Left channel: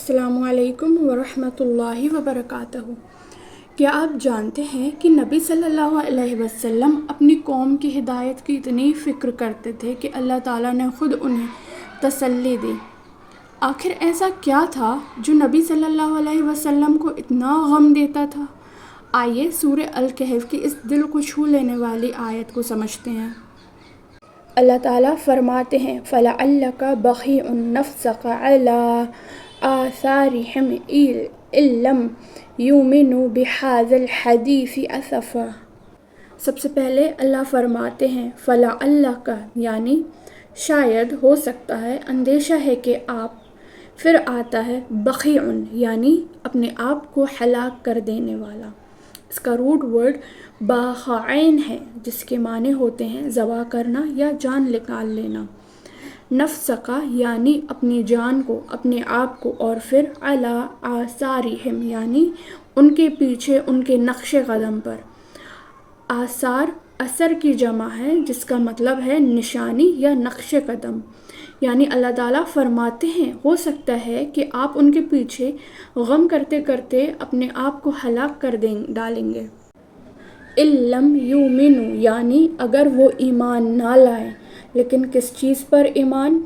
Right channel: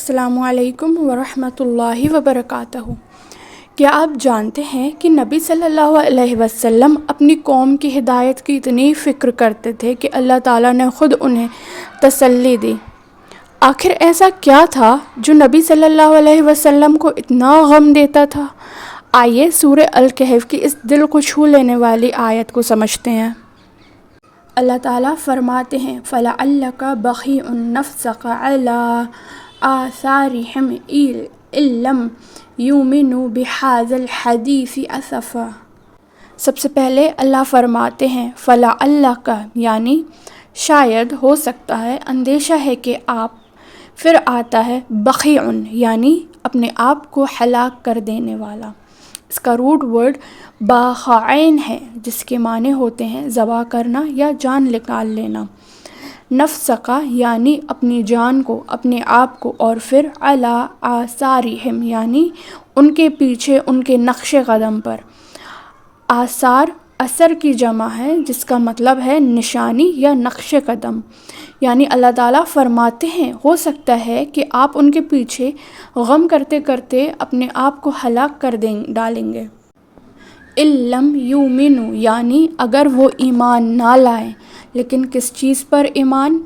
السلام علیکم ورحمۃ اللہ وبرکاتہ۔ کیا آپ جانتے ہیں کہ نبی صلی اللہ علیہ وسلم اپنی قوم کی ہدایت کی اتنی فکر کرتے تھے کہ اللہ تعالیٰ نے خود انہیں تسلی دی۔ آخر ایسا کیا تھا جو نبی صلی اللہ علیہ وسلم کو اتنا غم دیتا تھا؟ آئیے سورہ الکہف کی اس دل کو چھو لینے والی آیت کو سمجھتے ہیں۔ اللہ تعالیٰ فرماتے ہیں فَلَعَلَّكَ بَخِيعٌ نَفْسَكَ عَلَىٰ آثَارِهِمْ إِن لَّمْ يُؤْمِنُوا بِهَٰذَا الْحَدِيثِ أَسَفًا۔ سب سے پہلے اللہ فرماتے ہیں فَلَعَلَّكَ یعنی شاید، ہو سکتا ہے، اندیشہ ہے کہ آپ، پھر آتا ہے بخیع یعنی اپنے آپ کو ہلاک کر دینے والا۔ اس کا روٹ ورڈ باخعین ہے جس کے معنی ہوتے ہیں ذبح کرنا یا جان نکال لینا۔ نفسکا یعنی اپنی جان کو، اپنے آپ کو، اور پھر علی آثارہم یعنی ان کے پیچھے، ان کے نقش قدم پر۔ آثار اثر کی جمع ہے جس کا مطلب ہے نشانی یا نقش قدم، یعنی اللہ تعالیٰ فرماتے ہیں ہو سکتا ہے کہ آپ ان کے پیچھے غم کرتے کرتے اپنے آپ کو ہلاک کر ڈالیں گے۔ اِن لَّمْ يُؤْمِنُوا یعنی اگر وہ ایمان نہ لائیں، لیکن کس چیز پر ایمان؟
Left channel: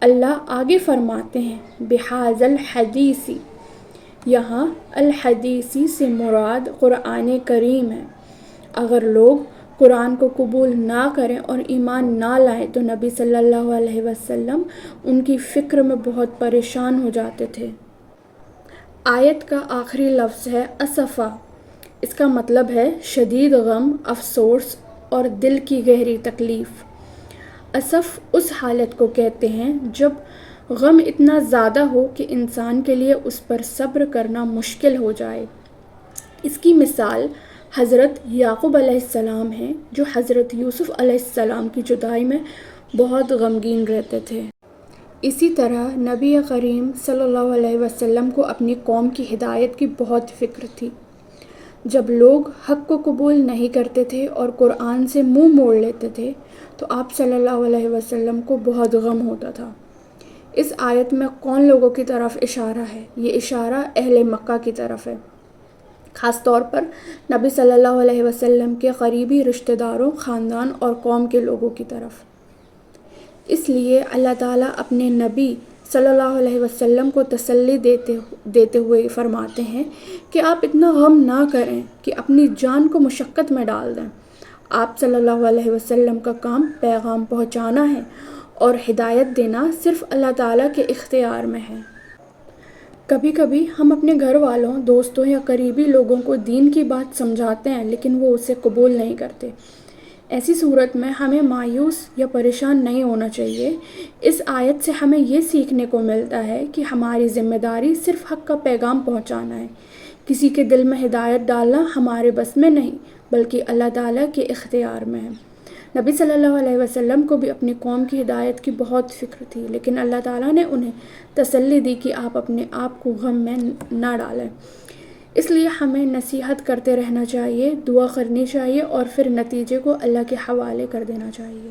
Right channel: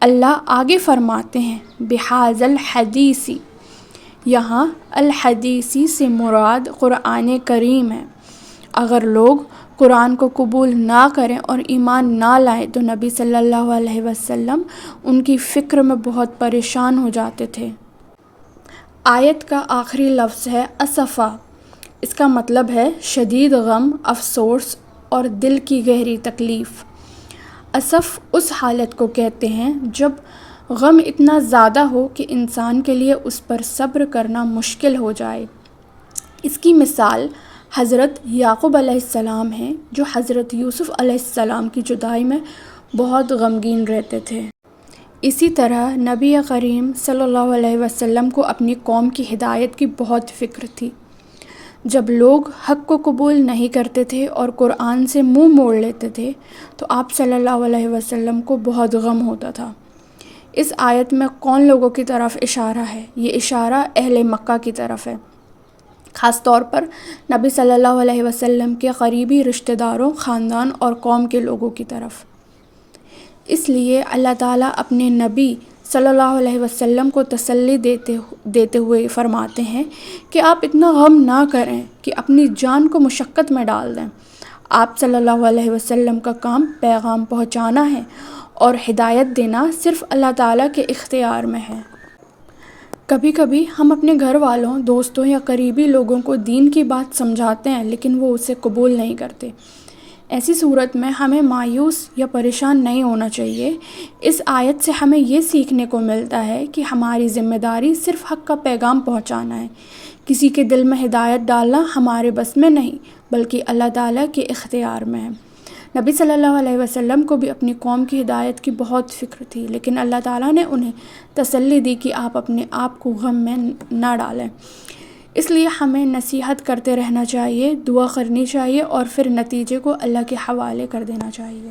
اللہ آگے فرماتے ہیں بِهَٰذَا الْحَدِيثِ، یہاں الحدیثی سے مراد قرآن کریم ہے۔ اگر لوگ قرآن کو قبول نہ کریں اور ایمان نہ لائیں تو نبی صلی اللہ علیہ وسلم ان کی فکر میں بہت پریشان ہو جاتے تھے۔ آیت کا آخری لفظ ہے اسفا۔ اس کا مطلب ہے شدید غم، افسوس اور دل کی گہری تکلیف۔ اسف اس حالت کو کہتے ہیں جب غم اتنا زیادہ ہو کہ انسان کے لیے اس پر صبر کرنا مشکل ہو جائے۔ اس کی مثال حضرت یعقوب علیہ السلام ہیں جو حضرت یوسف علیہ السلام کی جدائی میں بہت غمگین رہتے تھے۔ اسی طرح نبی کریم صلی اللہ علیہ وسلم کو اپنی قوم کی ہدایت کی بہت فکر تھی۔ جب لوگ حق کو قبول نہیں کرتے تھے اور قرآن سے منہ موڑ لیتے تھے تو آپ صلی اللہ علیہ وسلم کو بہت غم ہوتا تھا۔ اس آیت میں کون لوگوں کی طرف اشارہ ہے؟ یہ اشارہ اہل مکہ کی طرف ہے، خاص طور پر نبی صلی اللہ علیہ وسلم کے قریبی رشتہ داروں، خاندان اور قوم کے لوگوں کی طرف۔ اس لیے اللہ تعالیٰ اپنے نبی صلی اللہ علیہ وسلم کو تسلی دیتے ہوئے فرماتے ہیں کہ آپ اتنا غم نہ کریں کہ اپنی جان کو مشقت میں ڈال دیں۔ آپ صلی اللہ علیہ وسلم کا کام پیغام پہنچانا ہے اور ہدایت دینا صرف اللہ تعالیٰ کے اختیار میں ہے۔ کبھی کبھی ہم اپنے گھر والوں، دوستوں یا قریبی لوگوں کو دین کی بات سمجھاتے ہیں لیکن وہ اسے قبول نہیں کرتے۔ ایسی صورت میں ہمیں مایوس یا پریشان نہیں ہونا چاہیے۔ اس آیت سے ہمیں یہ سیکھنے کو ملتا ہے کہ ہماری ذمہ داری صرف حق کا پیغام پہنچانا ہے۔ کسی کے دل میں ہدایت ڈالنا ہمارے بس میں نہیں بلکہ اللہ تعالیٰ کے اختیار میں ہے۔ نبی صلی اللہ علیہ وسلم کو بھی اپنی قوم کی ہدایت کی بہت فکر تھی، لیکن اللہ تعالیٰ نے انہیں تسلی دی کہ آپ اپنے آپ کو غم میں نہ ڈالیں۔ اس لیے ہمیں نصیحت کرتے رہنا چاہیے، دعا کرنی چاہیے اور پھر نتیجے کو اللہ کے حوالے کر دینا چاہیے۔